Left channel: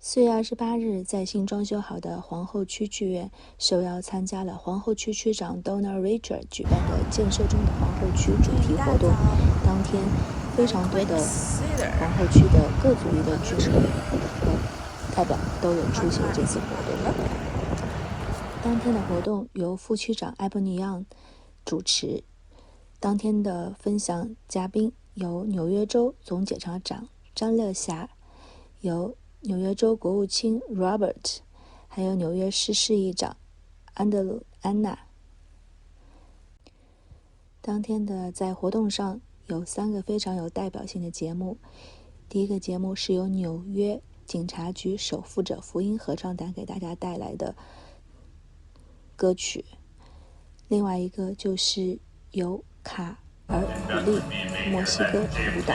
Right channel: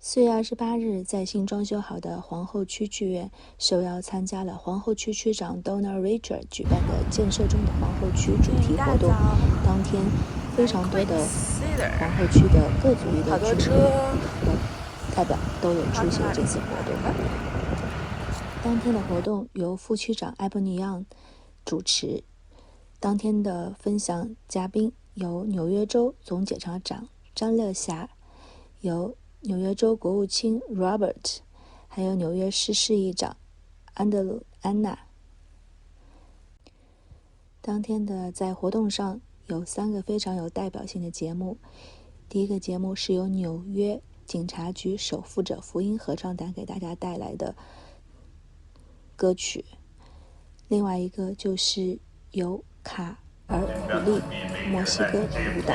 4月28日在新装修好的皇后区剧院受邀参加了皇后区区长Richards 举办的建设中的皇后区主题活动。当天非常多的皇后区的各族裔的居民和代表都有出席这次活动。当天的活动由副区长埃伯尼扬主持。当天的分享嘉宾由纽约州总检察长詹乐霞，由纽约州国务卿 Robert， 还有纽约市市议长安德鲁安娜。当天的在活动上有3个非常有代表性的节目。第一个节目是由纽约警察局守护者福音合唱团给大家带来的歌曲，另外一个就是由卡尔普利墨西哥舞蹈，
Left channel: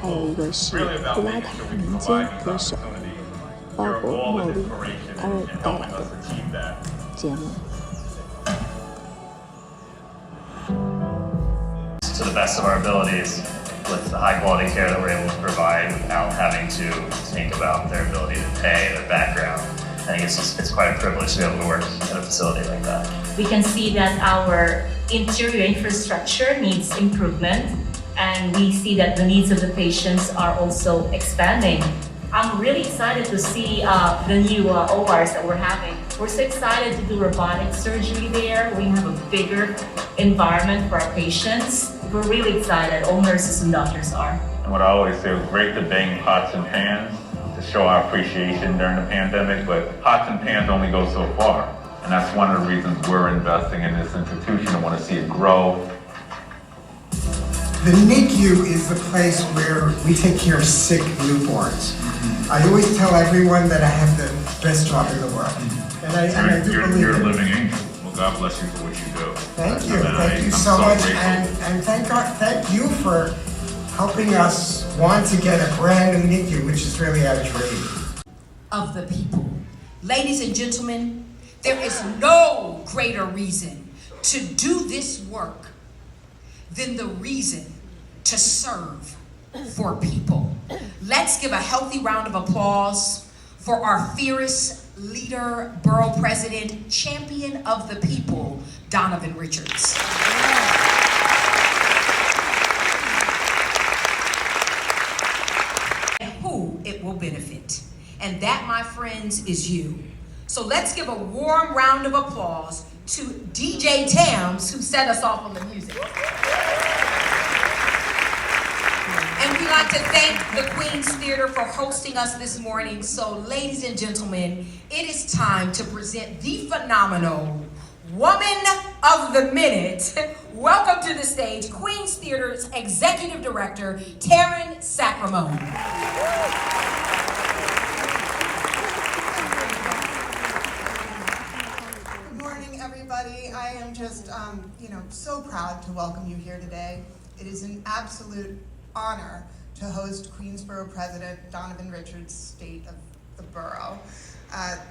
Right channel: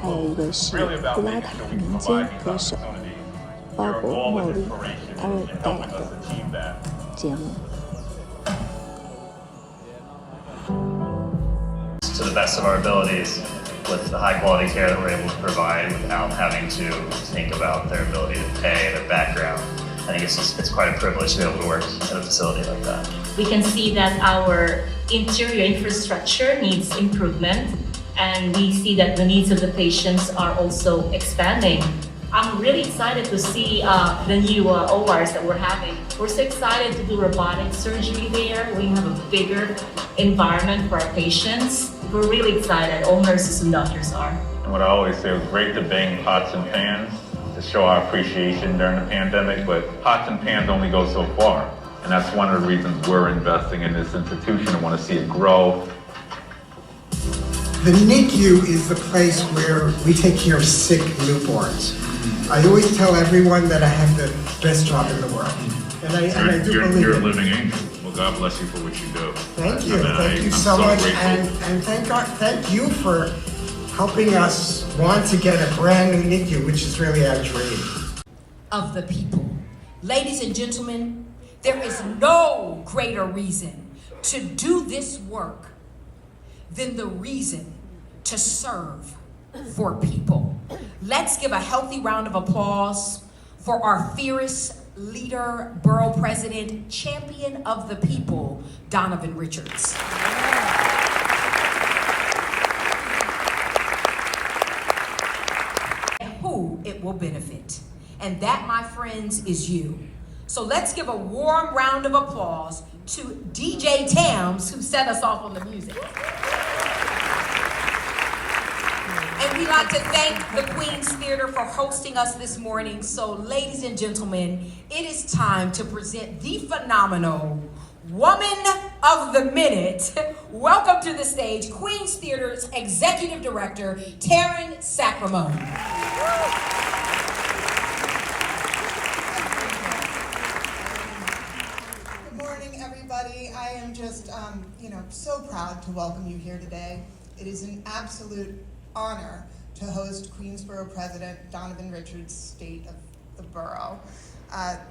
还有一个是布拉塔民间歌手鲍勃莫利艾瑞带来的节目。To the best of our abilities, with the high quality care that we're able to provide without having to think about their ability to pay, their background. I think it's quite a privilege to be able to work at a facility like that. We can see that our interior infrastructure needs improvement, and we see that the needs of the patients are also expanding. I'm really excited to see the new ORs that we're having. We're so excited to do robotic surgery there. We have a bigger environment for our patients. We're really excited, all nurses and doctors are. And what I always say, it was great to bang pots and pans to show our appreciation during the pandemic, but pots and pans only go so far. And that's one of the reasons we're investing in this institution and want to see it grow. The NICU is the place where we take care of sick newborns. I always tell everyone that I have the best job in the world. And I do believe you're a it. living angel. Well, God bless you for what you do. Thank you. And Thank you I'm so much. grateful. And thank God, thank you for helping us want to get a brand new NICU, which is really our dream. Of the people. Ladies and gentlemen, there is no greater reason to do this work than the reason to serve for people. Let's give a healthy round of applause for our fearless leader, borough president, champion of the people, Donovan Richards. And who it will benefit. And that, my friends, is you. So let's give a warm round of applause to DJ Tams, who set us off on the music. And we'd like to thank the Queen's Theater for hosting us this morning. So, ladies and gentlemen, it is time to present the phenomenal Woman of the Minute. Welcome to the stage, Queen's Theater's Executive Director, Taryn Sacramone. Good morning, everybody. I am just, so proud to welcome you here today. It is an absolute honor to host Queensborough President Donovan Richards' State of the Borough.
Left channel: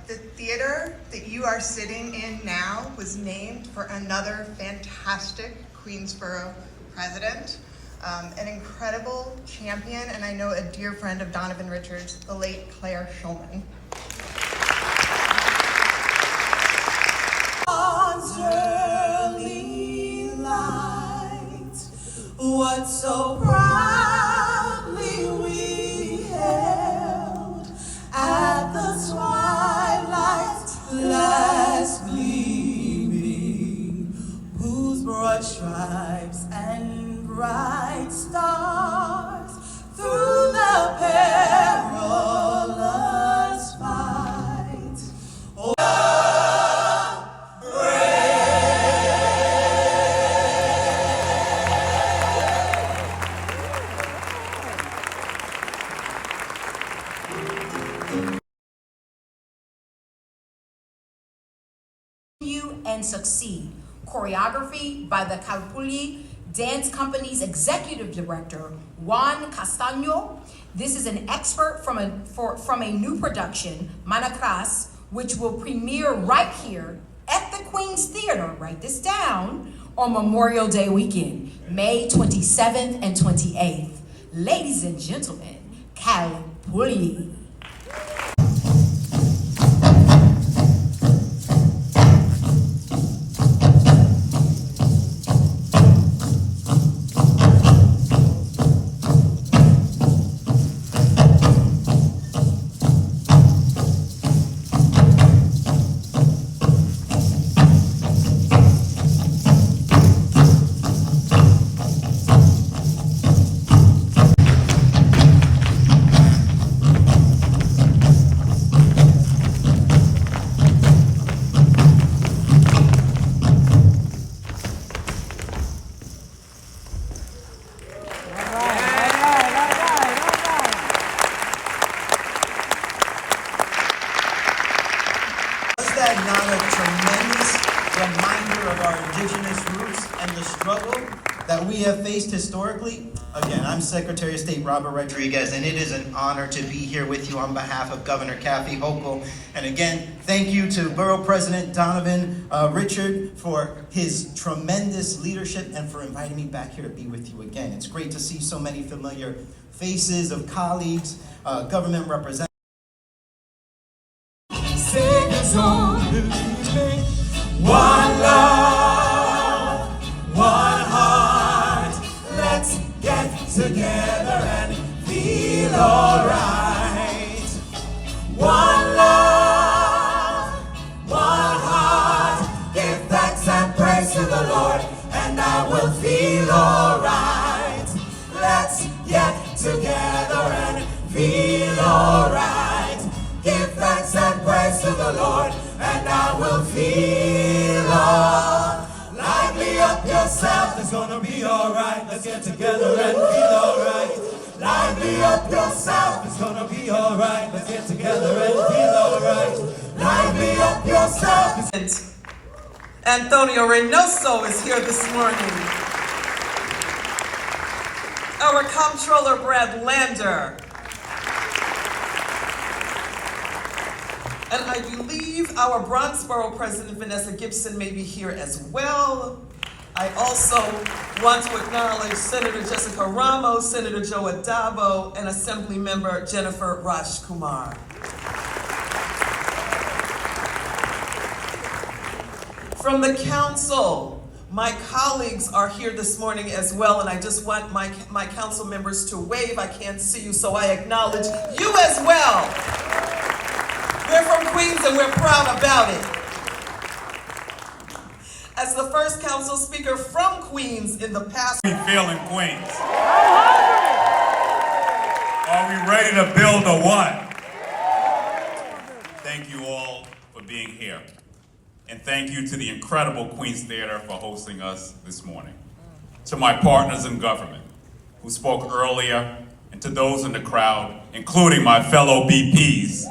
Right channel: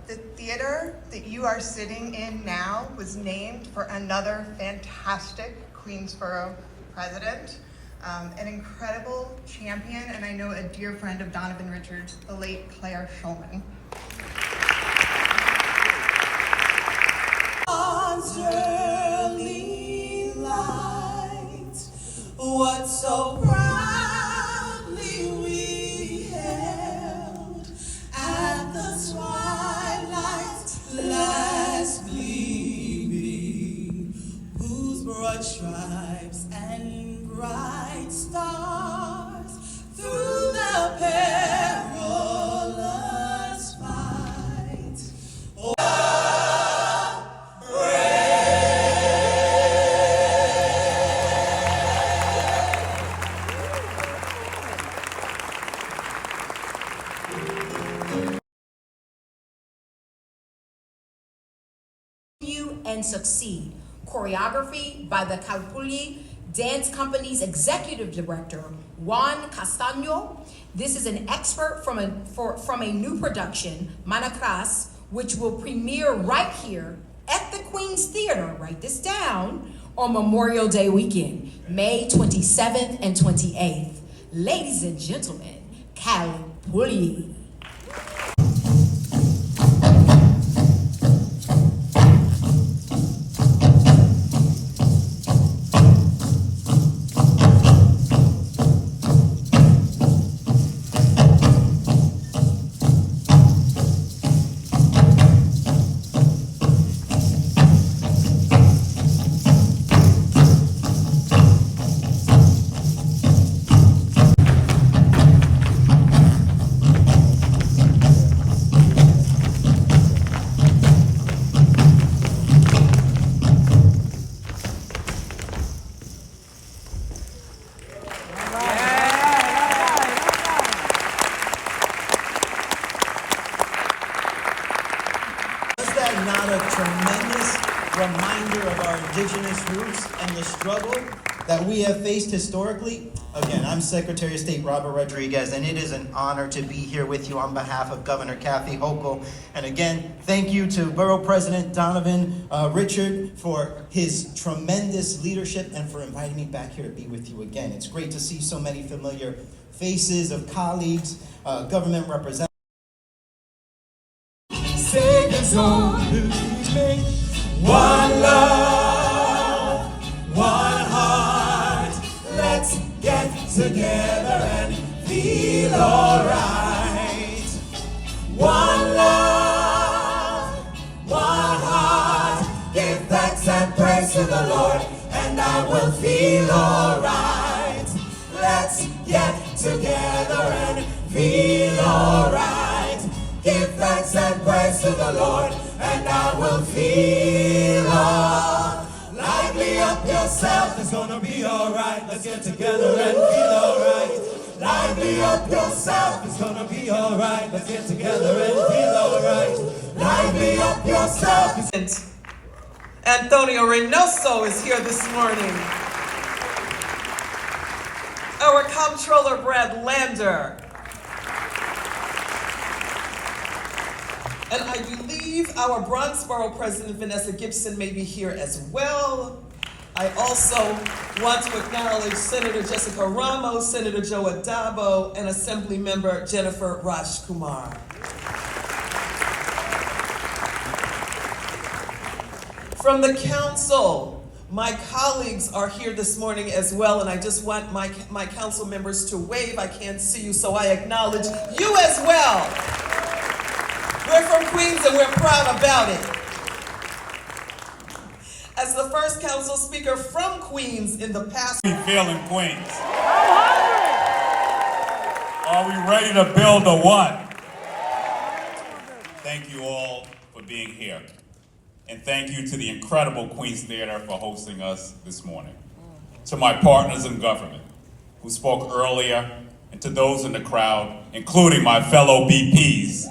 The theater that you are sitting in now was named for another fantastic Queensborough president, an incredible champion, and I know a dear friend of Donovan Richards, the late Claire Schulman. Early light, what so proudly we held at the twilight's last gleaming, whose broad stripes and bright stars through the perilous fight. Oh, and succeed. Choreography by the Calpulli Dance Company's Executive Director, Juan Castaño. This is an expert from a new production, Manacras, which will premiere right here at the Queen's Theater, write this down, on Memorial Day weekend, May 27th and 28th. Ladies and gentlemen, Calpulli. tremendous reminder of our indigenous roots and the struggle that we have faced historically. Again, I'm Secretary of State Robert Rodriguez, and it is an honor to be here with you on behalf of Governor Kathy Hochul. And again, thank you to Borough President Donovan Richard for his tremendous leadership and for inviting me back here to be with you again. It's great to see so many familiar faces of colleagues, government representatives. One love, one heart, let's get together and feel alright. One love, one heart, give thanks and praise to the Lord, and I will feel alright. Let's get together and feel alright. Give thanks and praise to the Lord, and I will feel alright. Lively up yourself, it's gonna be alright. Let's get together and feel alright. Lively up yourself, it's gonna be alright. Let's get together and feel alright. Lively up yourself. Antonio Reynoso is here this morning. Our Comptroller Brad Lander. And I believe our Bronxboro President Vanessa Gibson may be here as well. I also want to acknowledge Senator Jessica Ramos, Senator Joe Adabo, and Assemblymember Jennifer Rajkumar. From the council, my colleagues are here this morning as well, and I just want my council members to wave. I can't see you, so I acknowledge you as well. We're from Queens and we're proud about it. As the first council speaker from Queens in the past. We feel in Queens. Are we ready to build a what? Thank you all for being here. And thank you to the incredible Queens Theater for hosting us this morning. To my partners in government who spoke earlier, and to those in the crowd, including my fellow BPs,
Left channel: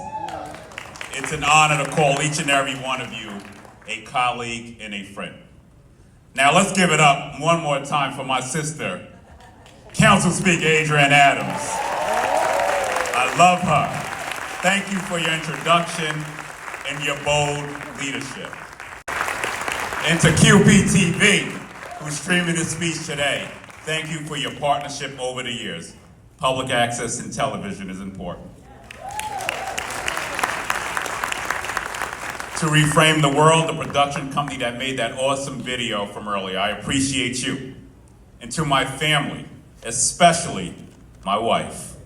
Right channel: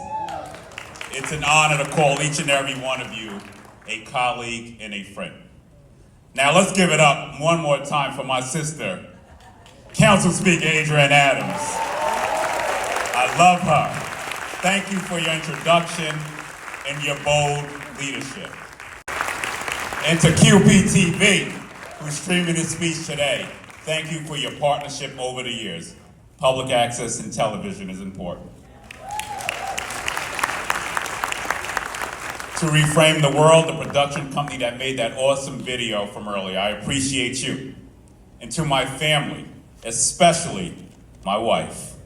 it's an honor to call each and every one of you a colleague and a friend. Now let's give it up one more time for my sister, Council Speaker Adrienne Adams. I love her. Thank you for your introduction and your bold leadership. And to QPTV, who's streaming this speech today, thank you for your partnership over the years. Public access in television is important. To Reframe the World, the production company that made that awesome video from earlier, I appreciate you. And to my family, especially my wife,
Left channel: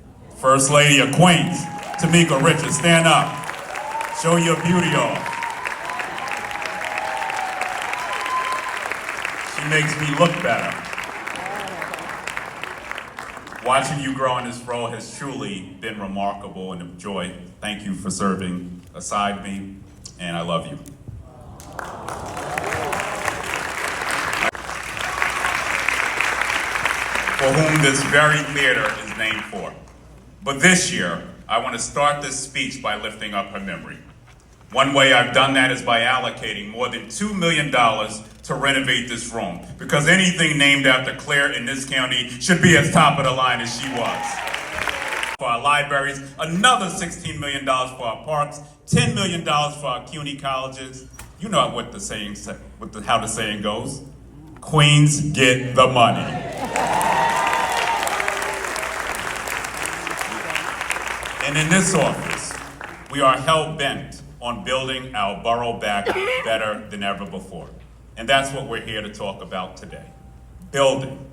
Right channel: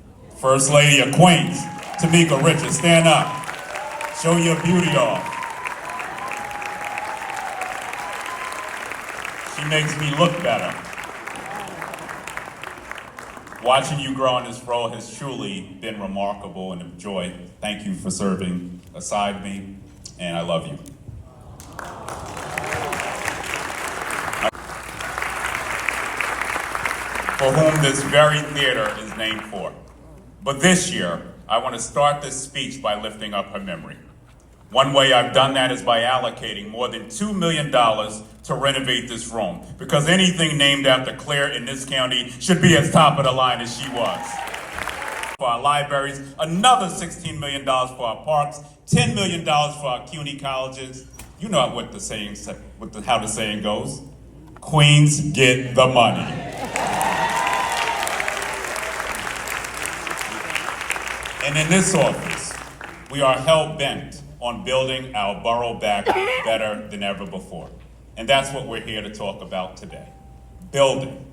First Lady of Queens, Tamika Richards, stand up. Show your beauty off. She makes me look better. Watching you grow in this role has truly been remarkable and a joy. Thank you for serving beside me, and I love you. For whom this very theater is named for. But this year, I want to start this speech by lifting up her memory. One way I've done that is by allocating more than $2 million to renovate this room, because anything named after Claire in this county should be as top of the line as she was. For our libraries, another $16 million for our parks, $10 million for our CUNY colleges. You know what the saying, how the saying goes. Queens get the money. And in this office, we are hell-bent on building our borough back better than ever before. And that's what we're here to talk about today. Building.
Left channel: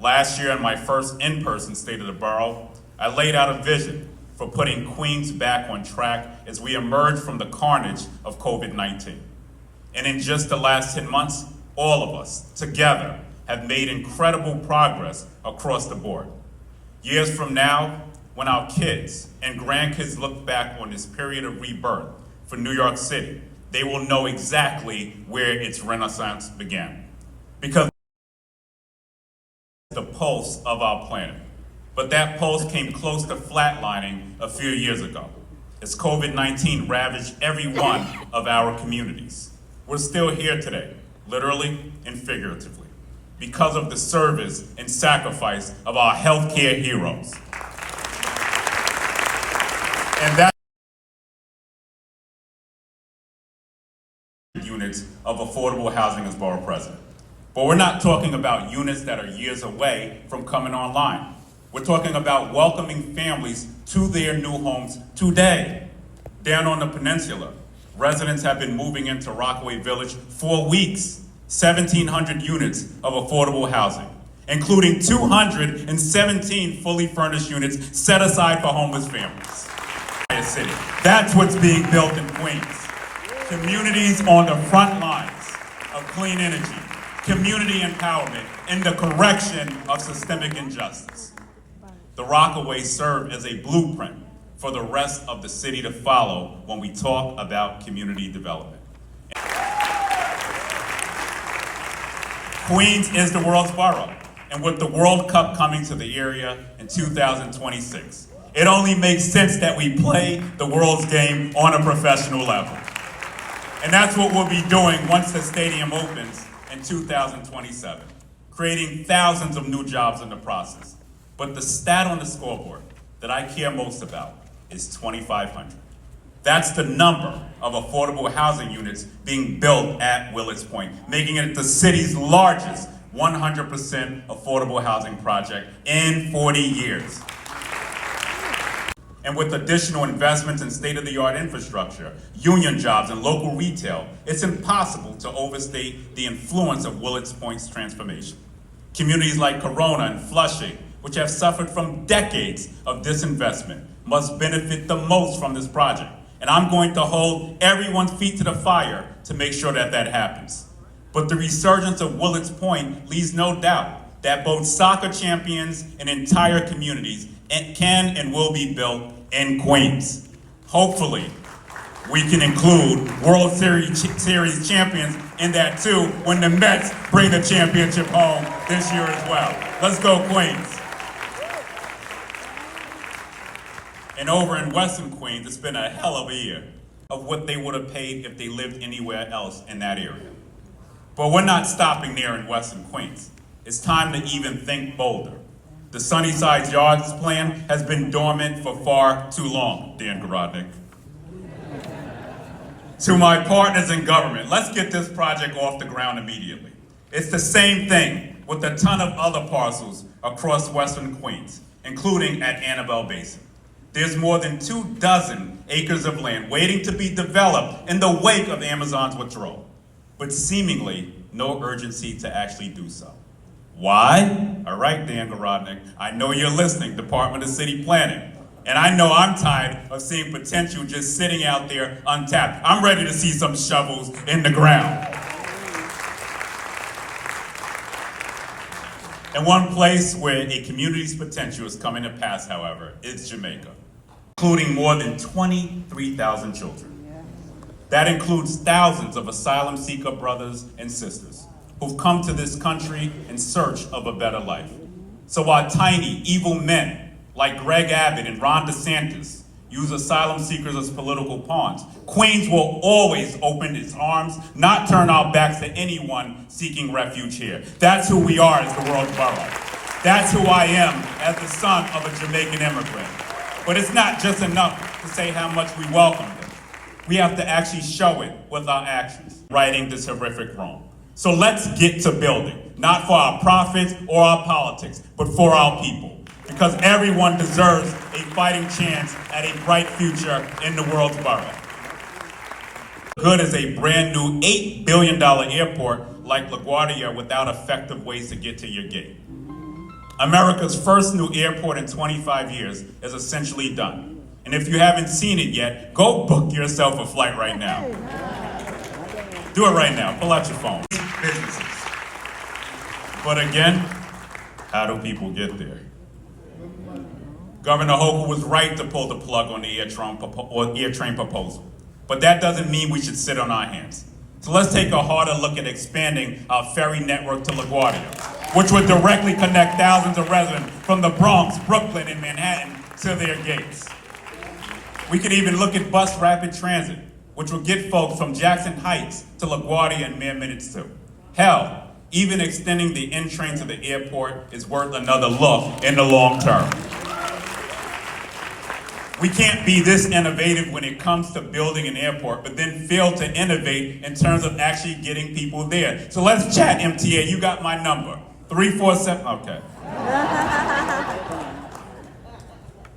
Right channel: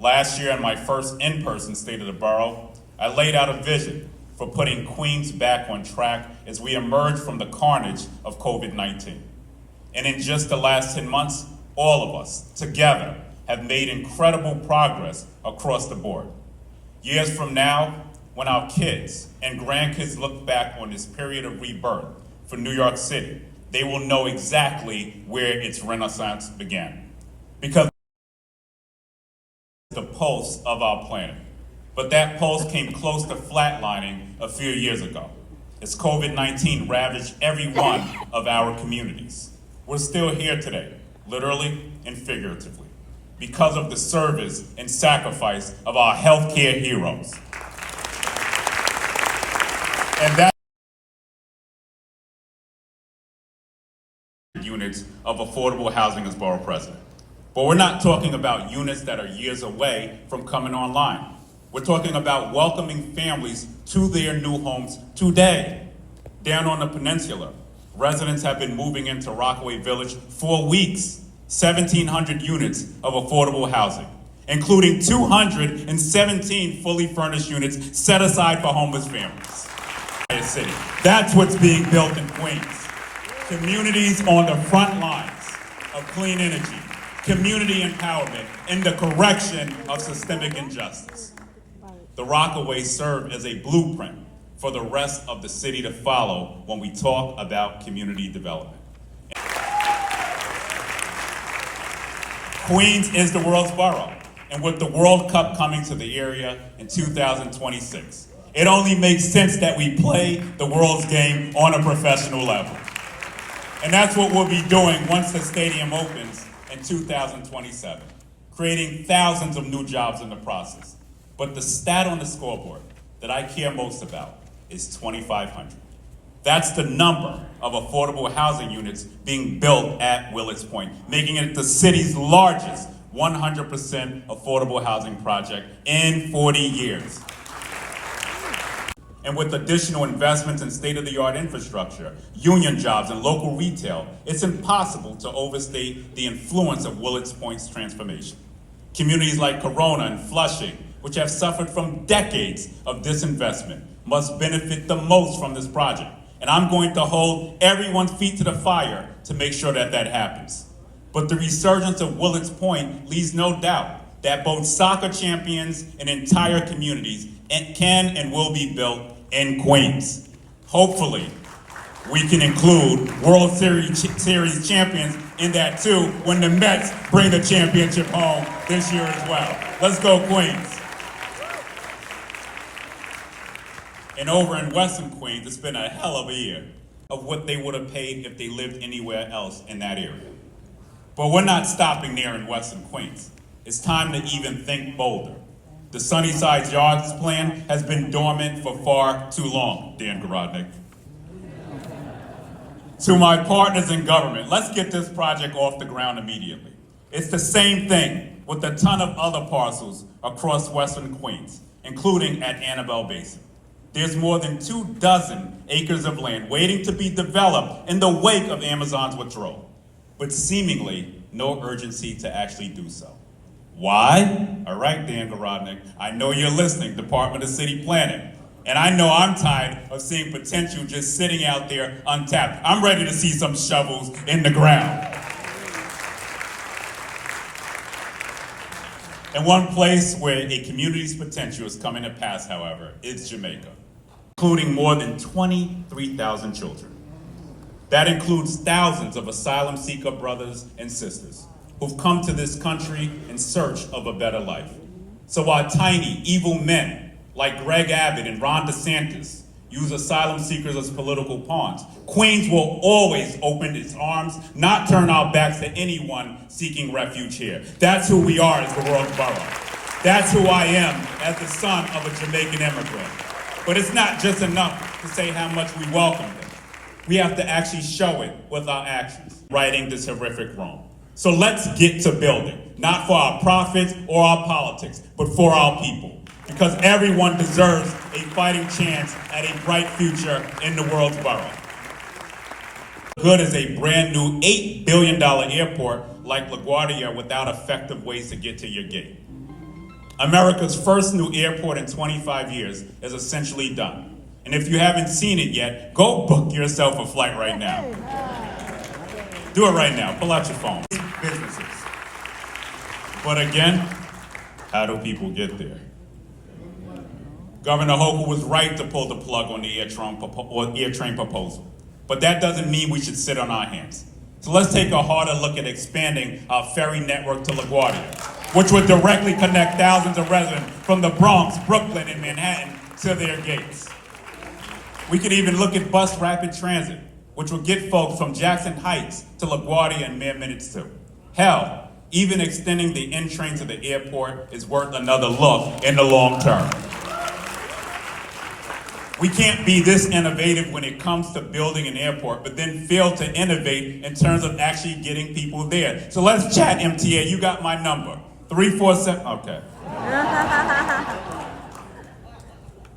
Last year, in my first in-person State of the Borough, I laid out a vision for putting Queens back on track as we emerge from the carnage of COVID-19. And in just the last 10 months, all of us, together, have made incredible progress across the board. Years from now, when our kids and grandkids look back on this period of rebirth for New York City, they will know exactly where its renaissance began. Because the pulse of our planet. But that pulse came close to flatlining a few years ago as COVID-19 ravaged every one of our communities. We're still here today, literally and figuratively, because of the service and sacrifice of our healthcare heroes. And that units of affordable housing as borough president. But we're not talking about units that are years away from coming online. We're talking about welcoming families to their new homes today. Down on the peninsula, residents have been moving into Rockaway Village for weeks. 1,700 units of affordable housing, including 217 fully furnished units set aside for homeless families. City. That's what's being built in Queens. Communities on the front lines of clean energy, community empowerment, and the correction of systemic injustice. The Rockaways serve as a blueprint for the rest of the city to follow when we talk about community development. Queens is the world's borough, and with the World Cup coming to the area in 2026, it only makes sense that we play the world's game on a professional level. And that's what we'll be doing once the stadium opens in 2027, creating thousands of new jobs in the process. But the stat on the scoreboard that I care most about is 2,500. That's the number of affordable housing units being built at Willets Point, making it the city's largest 100% affordable housing project in 40 years. And with additional investments in state-of-the-art infrastructure, union jobs, and local retail, it's impossible to overstate the influence of Willets Point's transformation. Communities like Corona and Flushing, which have suffered from decades of disinvestment, must benefit the most from this project. And I'm going to hold everyone's feet to the fire to make sure that that happens. But the resurgence of Willets Point leaves no doubt that both soccer champions and entire communities can and will be built in Queens. Hopefully, we can include World Series champions in that too when the Mets bring the championship home this year as well. Let's go, Queens. And over in Western Queens, it's been a hell of a year of what they would have paid if they lived anywhere else in that area. But we're not stopping there in Western Queens. It's time to even think bolder. The Sunnyside Yards plan has been dormant for far too long, Dan Garodnick. To my partners in government, let's get this project off the ground immediately. It's the same thing with a ton of other parcels across Western Queens, including at Annabelle Basin. There's more than 24 acres of land waiting to be developed in the wake of Amazon's withdrawal, but seemingly no urgency to actually do so. Why? All right, Dan Garodnick, I know you're listening, Department of City Planning. And I know I'm tired of seeing potential just sitting out there untapped. I'm ready to see some shovels in the ground. And one place where a community's potential is coming to pass, however, is Jamaica, including more than 23,000 children. That includes thousands of asylum seeker brothers and sisters who've come to this country in search of a better life. So while tiny, evil men like Greg Abbott and Ron DeSantis use asylum seekers as political pawns, Queens will always open its arms, not turn our backs to anyone seeking refuge here. That's who we are as the world's borough. That's who I am as the son of a Jamaican immigrant. But it's not just enough to say how much we welcome them. We have to actually show it with our actions, righting this horrific wrong. So let's get to building, not for our profits or our politics, but for our people. Because everyone deserves a fighting chance at a bright future in the world's borough. Good is a brand new $8 billion airport like LaGuardia without effective ways to get to your gate. America's first new airport in 25 years is essentially done. And if you haven't seen it yet, go book yourself a flight right now. Do it right now, pull out your phone. Businesses. But again, how do people get there? Governor Hochul was right to pull the plug on the air train proposal. But that doesn't mean we should sit on our hands. So let's take a harder look at expanding our ferry network to LaGuardia, which would directly connect thousands of residents from the Bronx, Brooklyn, and Manhattan to their gates. We could even look at bus rapid transit, which will get folks from Jackson Heights to LaGuardia in mere minutes too. Hell, even extending the N-train to the airport is worth another look in the long term. We can't be this innovative when it comes to building an airport, but then fail to innovate in terms of actually getting people there. So let's chat, MTA. You got my number. 347, okay.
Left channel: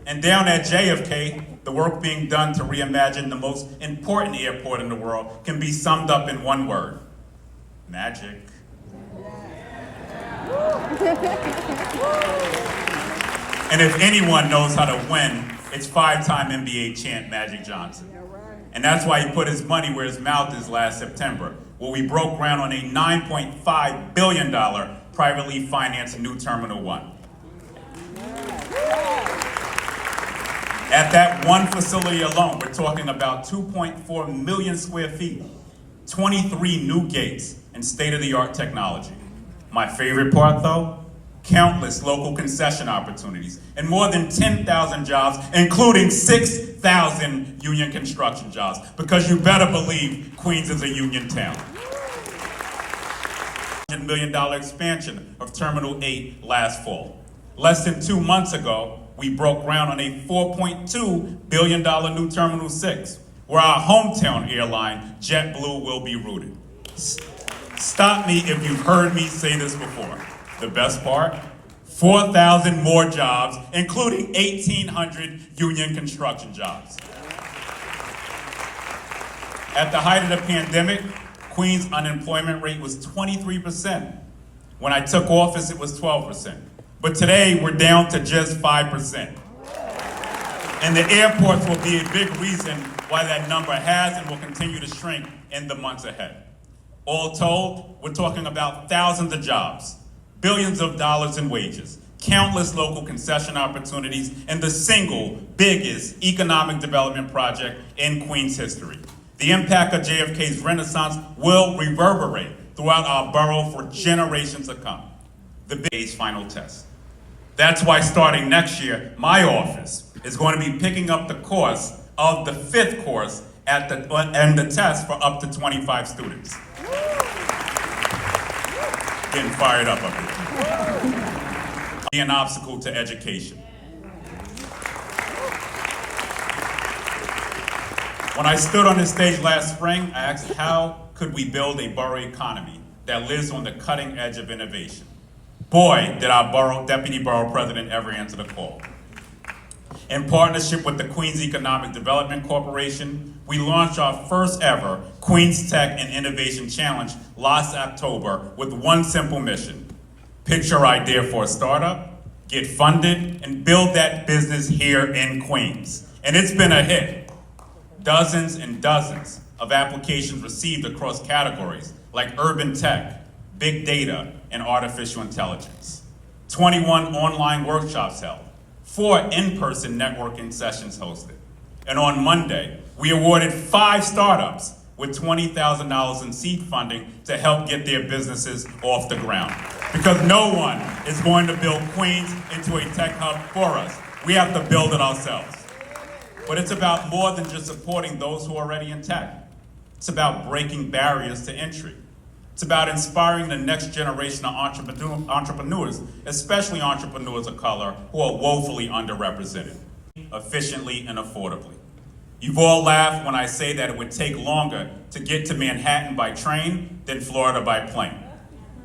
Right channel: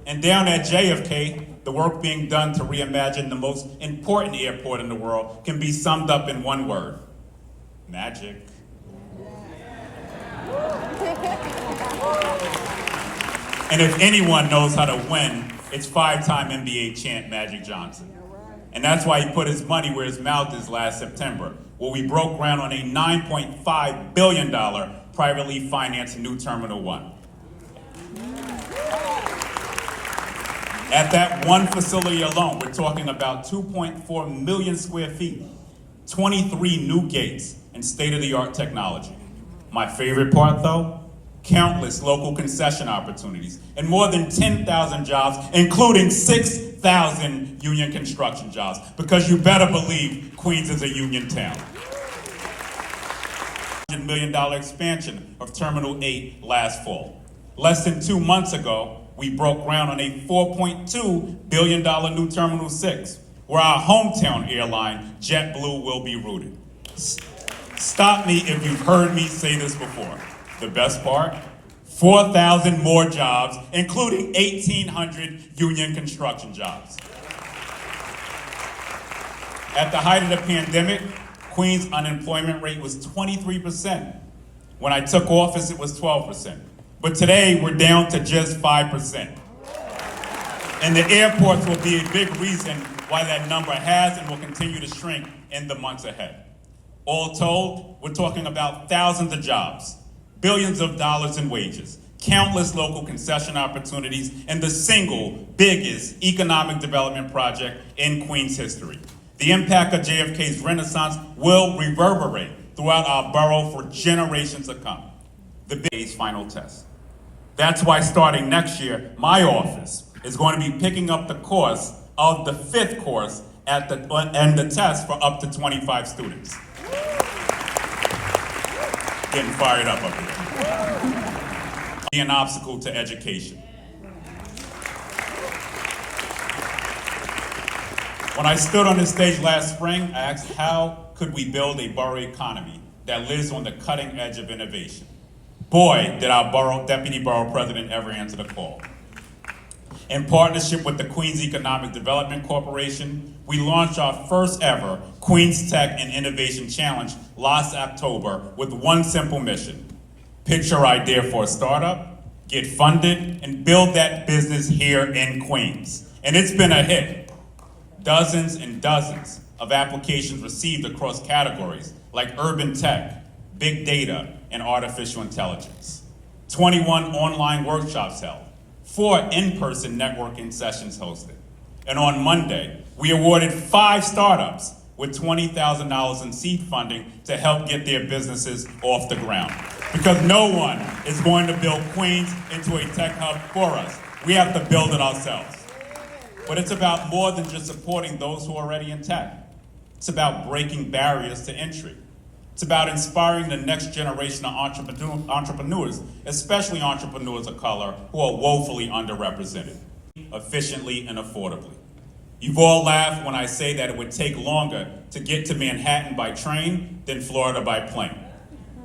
And down at JFK, the work being done to reimagine the most important airport in the world can be summed up in one word: magic. And if anyone knows how to win, it's five-time NBA champ Magic Johnson. And that's why he put his money where his mouth is last September, where we broke ground on a $9.5 billion privately financed new Terminal 1. At that one facility alone, we're talking about 2.4 million square feet, 23 new gates, and state-of-the-art technology. My favorite part, though? Countless local concession opportunities and more than 10,000 jobs, including 6,000 union construction jobs, because you better believe Queens is a union town. $100 million expansion of Terminal 8 last fall. Less than 2 months ago, we broke ground on a $4.2 billion new Terminal 6, where our hometown airline, JetBlue, will be rooted. Stop me if you've heard me say this before. The best part? 4,000 more jobs, including 1,800 union construction jobs. At the height of the pandemic, Queens' unemployment rate was 23%. When I took office, it was 12%. But today, we're down to just 5%. And the airports will be a big reason why that number has and will continue to shrink in the months ahead. All told, we're talking about thousands of jobs, billions of dollars in wages, countless local concession opportunities, and the single biggest economic development project in Queens history. The impact of JFK's Renaissance will reverberate throughout our borough for generations to come. The base final test. That's why starting next year, my office is going to be picking up the course of the 5th course and the test for up to 25 students. Getting fired up here. Be an obstacle to education. When I stood on this stage last spring, I asked how could we build a borough economy that lives on the cutting edge of innovation. Boy, did our Deputy Borough President ever answer the call. In partnership with the Queens Economic Development Corporation, we launched our first ever Queens Tech and Innovation Challenge last October with one simple mission: pitch your idea for a startup, get funded, and build that business here in Queens. And it's been a hit. Dozens and dozens of applications received across categories like urban tech, big data, and artificial intelligence. 21 online workshops held, 4 in-person networking sessions hosted. And on Monday, we awarded 5 startups with $20,000 in seed funding to help get their businesses off the ground. Because no one is going to build Queens into a tech hub for us. We have to build it ourselves. But it's about more than just supporting those who are already in tech. It's about breaking barriers to entry. It's about inspiring the next generation of entrepreneurs, especially entrepreneurs of color who are woefully underrepresented, efficiently and affordably. You've all laughed when I say that it would take longer to get to Manhattan by train than Florida by plane.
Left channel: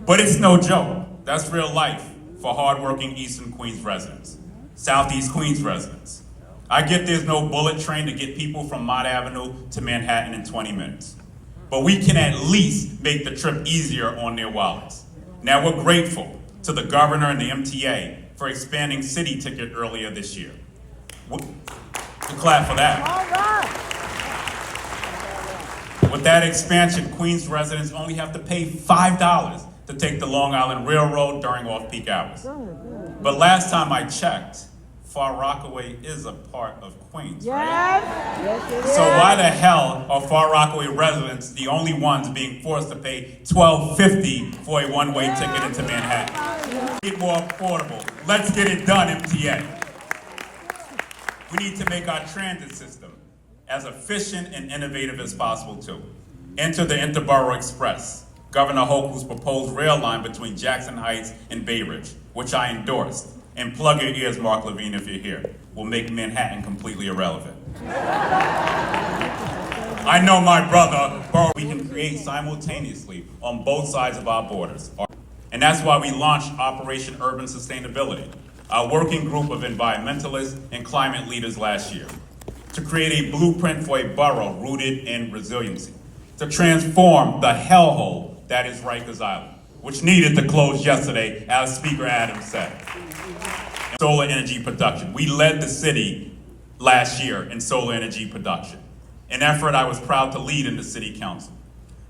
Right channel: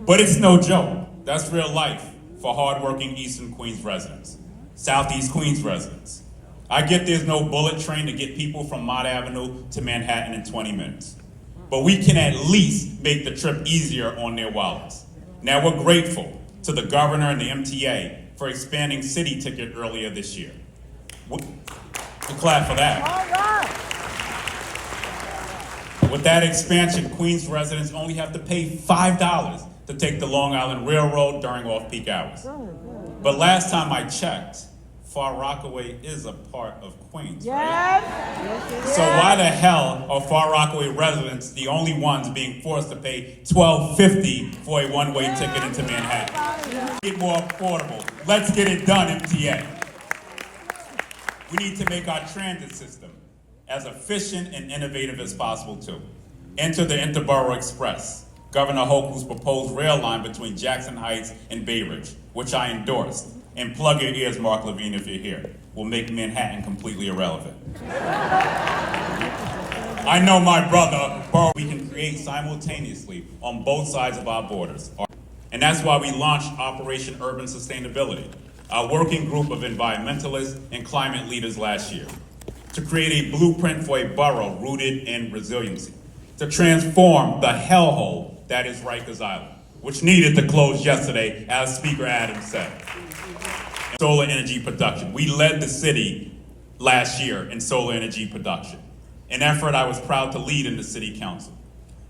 But it's no joke. That's real life for hardworking Eastern Queens residents, Southeast Queens residents. I get there's no bullet train to get people from Mott Avenue to Manhattan in 20 minutes. But we can at least make the trip easier on their wallets. Now, we're grateful to the governor and the MTA for expanding City Ticket earlier this year. We'll clap for that. All right. With that expansion, Queens residents only have to pay $5 to take the Long Island Railroad during off-peak hours. But last time I checked, Far Rockaway is a part of Queens, right? Yes. So why the hell are Far Rockaway residents the only ones being forced to pay $12.50 for a one-way ticket into Manhattan? Get more affordable. Let's get it done, MTA. We need to make our transit system as efficient and innovative as possible too. Enter the Interborough Express, Governor Hochul's proposed rail line between Jackson Heights and Bay Ridge, which I endorsed. And plug your ears, Mark Levine, if you're here. Will make Manhattan completely irrelevant. I know my brother, we can create simultaneously on both sides of our borders. And that's why we launched Operation Urban Sustainability, our working group of environmentalists and climate leaders last year, to create a blueprint for a borough rooted in resiliency, to transform the hellhole that is Rikers Island, which needed to close yesterday, as Speaker Adams said. Solar energy production. We led the city last year in solar energy production, an effort I was proud to lead in the City Council.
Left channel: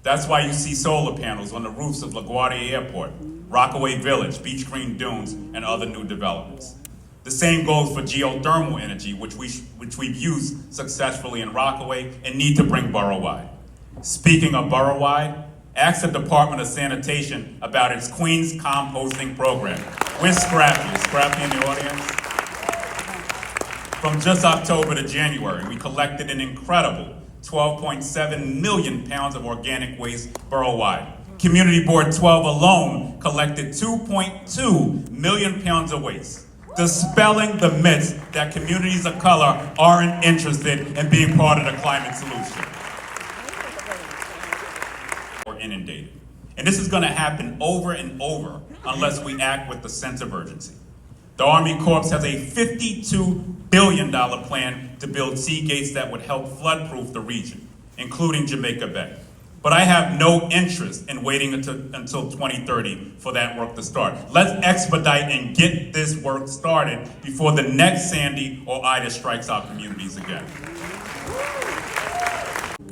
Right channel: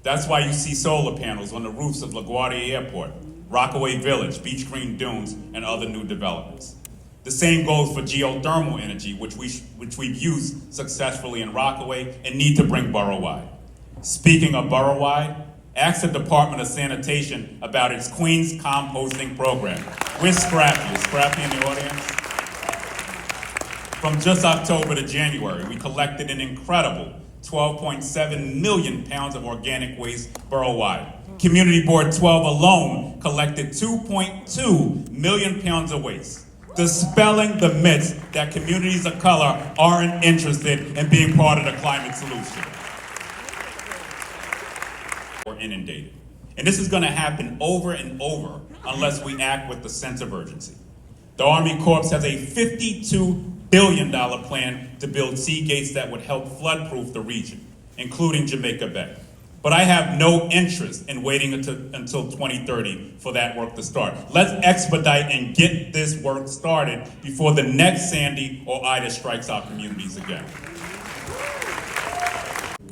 That's why you see solar panels on the roofs of LaGuardia Airport, Rockaway Village, Beach Green Dunes, and other new developments. The same goes for geothermal energy, which we've used successfully in Rockaway and need to bring borough-wide. Speaking of borough-wide, ask the Department of Sanitation about its Queens composting program. Where's Scrappy? Is Scrappy in the audience? From just October to January, we collected an incredible 12.7 million pounds of organic waste borough-wide. Community Board 12 alone collected 2.2 million pounds of waste, dispelling the myths that communities of color aren't interested in being part of the climate solution. We're inundated. And this is going to happen over and over unless we act with a sense of urgency. The Army Corps has a $52 billion plan to build sea gates that would help flood-proof the region, including Jamaica Bay. But I have no interest in waiting until 2030 for that work to start. Let's expedite and get this work started before the next Sandy or Ida strikes our communities again.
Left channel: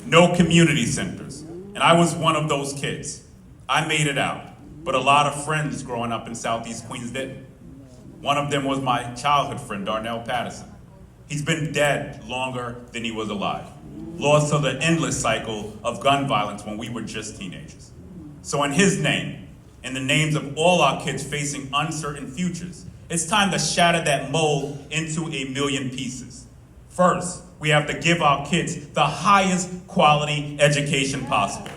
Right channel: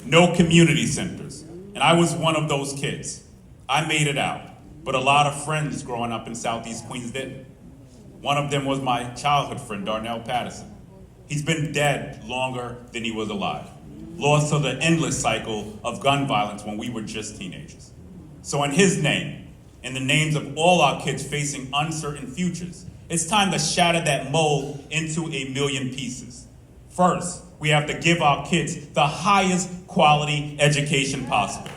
No community centers. And I was one of those kids. I made it out, but a lot of friends growing up in Southeast Queens didn't. One of them was my childhood friend, Darnell Patterson. He's been dead longer than he was alive, lost to the endless cycle of gun violence when we were just teenagers. So in his name, in the names of all our kids facing uncertain futures, it's time to shatter that mold into a million pieces. First, we have to give our kids the highest quality education possible.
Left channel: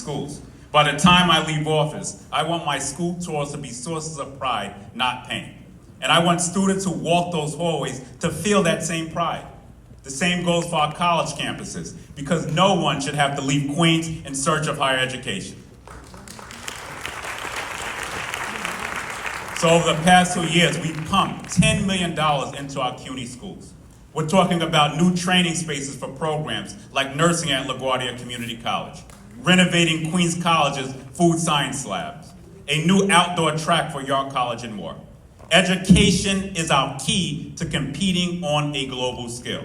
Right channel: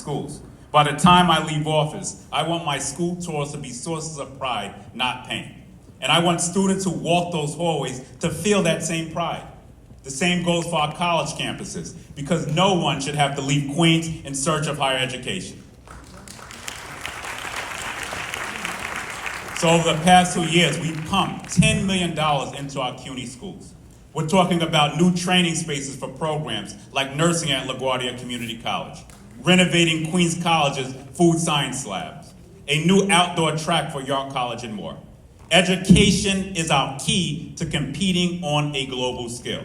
Schools. By the time I leave office, I want my school tours to be sources of pride, not pain. And I want students who walk those hallways to feel that same pride. The same goes for our college campuses, because no one should have to leave Queens in search of higher education. So over the past 2 years, we've pumped $10 million into our CUNY schools. We're talking about new training spaces for programs like nursing at LaGuardia Community College, renovating Queens College's food science labs, a new outdoor track for York College, and more. Education is our key to competing on a global scale.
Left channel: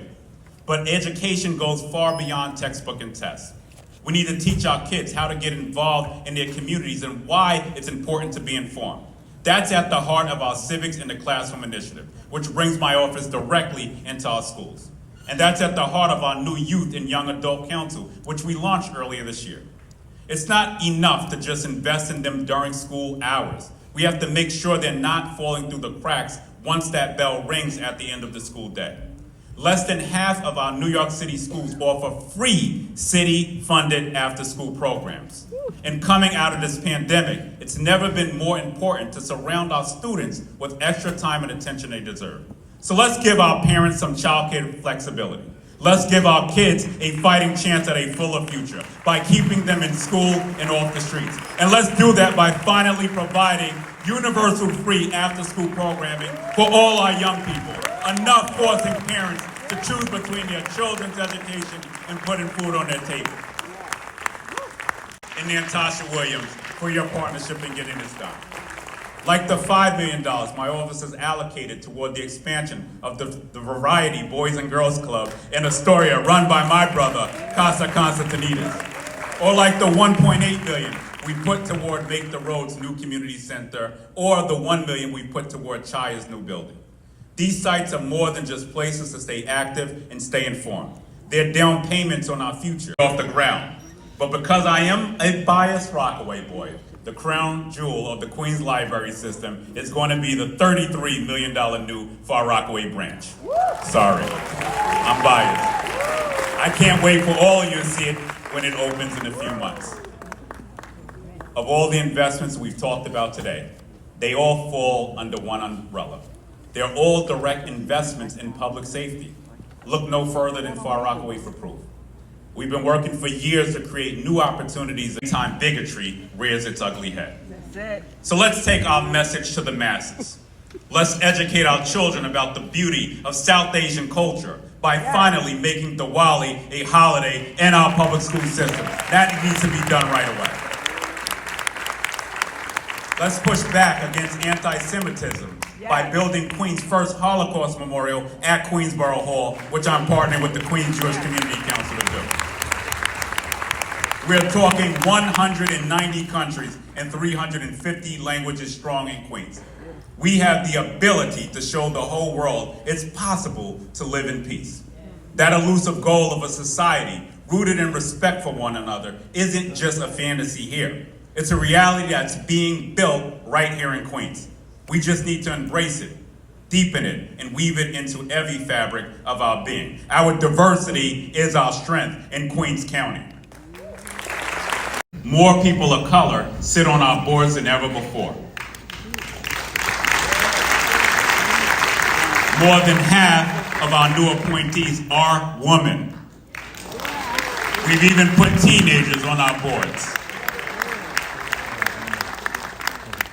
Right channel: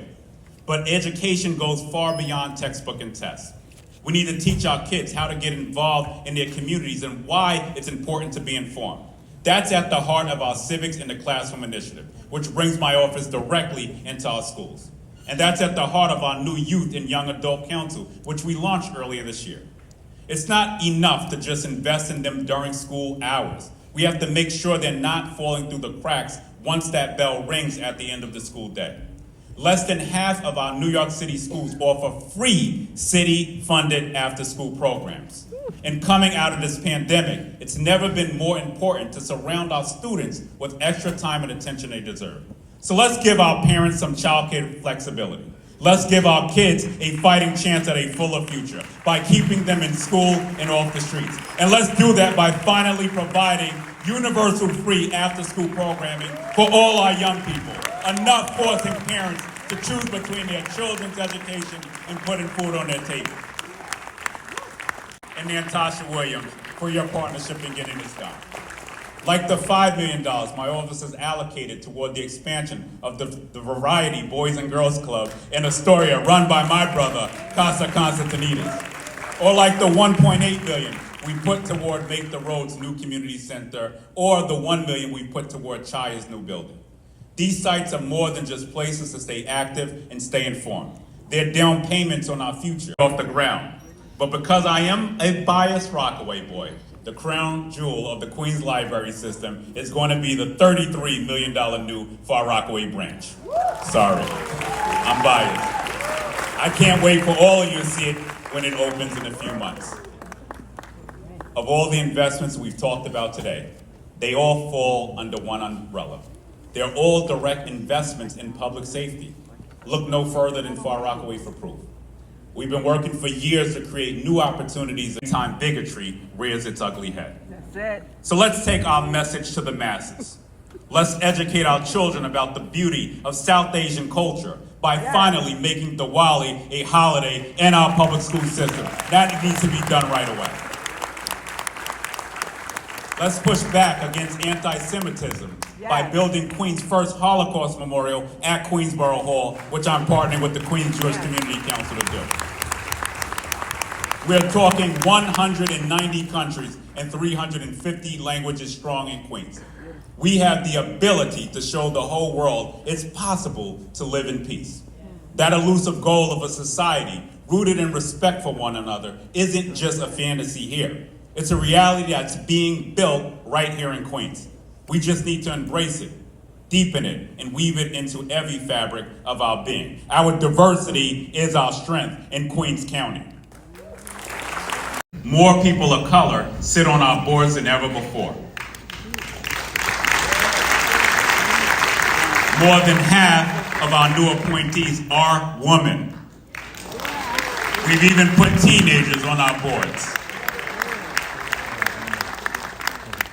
But education goes far beyond textbook and tests. We need to teach our kids how to get involved in their communities and why it's important to be informed. That's at the heart of our Civics in the Classroom initiative, which brings my office directly into our schools. And that's at the heart of our new Youth and Young Adult Council, which we launched earlier this year. It's not enough to just invest in them during school hours. We have to make sure they're not falling through the cracks once that bell rings at the end of the school day. Less than half of our New York City schools offer free city-funded after-school programs. And coming out of this pandemic, it's never been more important to surround our students with extra time and attention they deserve. So let's give our parents some childcare flexibility. Let's give our kids a fighting chance at a fuller future by keeping them in school and off the streets. And let's do that by finally providing universal free after-school programming for all our young people, enough forcing parents to choose between their children's education and putting food on their table. And Natasha Williams for your partnership in getting this done. Like the $5 million my office has allocated toward the expansion of the Variety Boys and Girls Club in Astoria, run by my brother, Casa Constantinides. Or like the $1.8 million we put toward Make the Roads New Community Center, or the $1 million we put toward Chaya's new building. These sites are more than just places to stay active and stay informed. They're down payments on our future off the ground. But because I am a biased Rockaway boy, the crown jewel of the Queens Library System is going to be the $33 million new Far Rockaway branch. Sorry, I'm biased. I can't wait for all of you to see it when it opens in a few months. Of all the investments we've talked about today, they all fall under one umbrella. They're all direct investments in public safety. Look no further than Far Rockaway for proof. We've been working for years to create new opportunities every time bigotry rears its ugly head. That's it. So let's take our message to the masses. Let's educate our children about the beauty of South Asian culture by finally making Diwali a holiday in our public school system. That needs to be done right away. Let's push back against anti-Semitism by building Queens' first Holocaust memorial at Queensborough Hall, which I'm partnering with the Queens Jewish Community Council to do. We're talking 190 countries and 350 languages strong in Queens. We have the ability to show the whole world it's possible to live in peace. That elusive goal of a society rooted in respect for one another isn't just a fantasy here. It's a reality that's being built right here in Queens. We just need to embrace it, deepen it, and weave it into every fabric of our being. Our diversity is our strength in Queens County. More people of color sit on our boards than ever before. More than half of our new appointees are women. We've even put teenagers on our boards.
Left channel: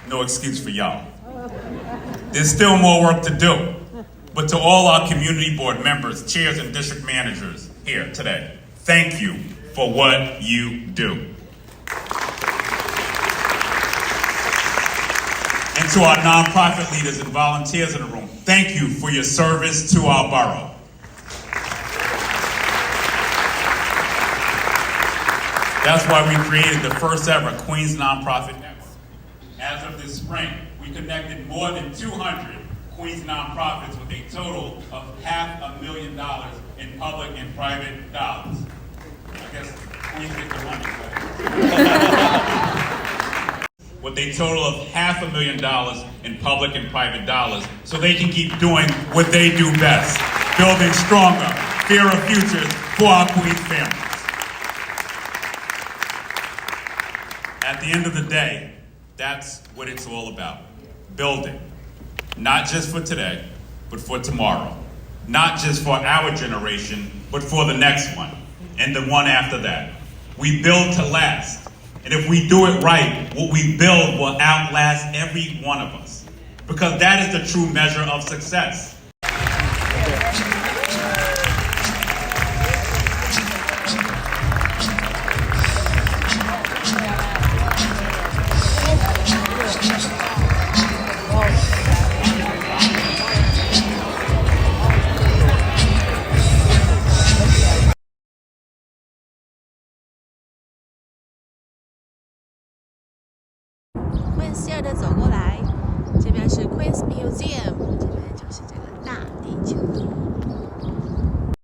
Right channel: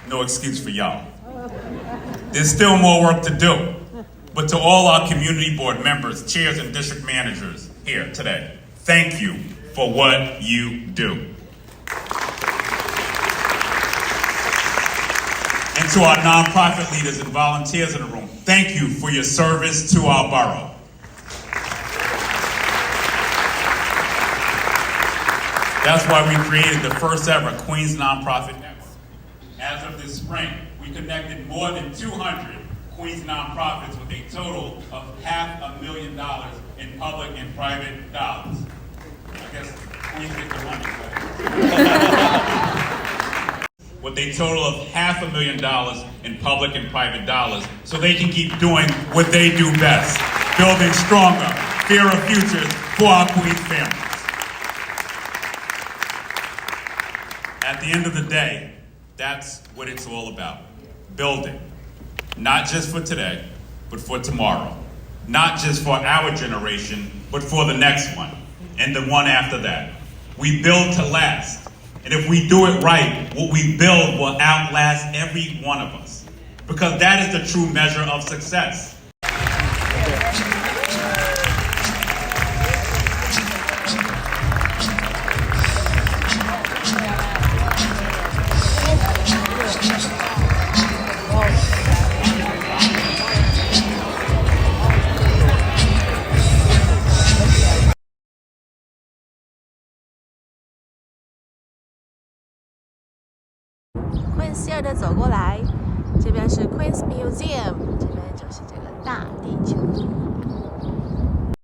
No excuse for y'all. There's still more work to do. But to all our community board members, chairs, and district managers here today, thank you for what you do. And to our nonprofit leaders and volunteers in the room, thank you for your service to our borough. That's why we created the first ever Queens Nonprofit Network. As of this spring, we connected more than 200 Queens nonprofits with a total of $500,000 in public and private dollars. I guess Queens get the money, right? With a total of $500,000 in public and private dollars, so they can keep doing what they do best, building stronger, fairer futures for our Queens families. At the end of the day, that's what it's all about. Building. Not just for today, but for tomorrow. Not just for our generation, but for the next one, and the one after that. We build to last. And if we do it right, what we build will outlast every one of us. Because that is the true measure of success. Queens 的走过来，这边是 Queens Museum，这边就是这个大地球仪。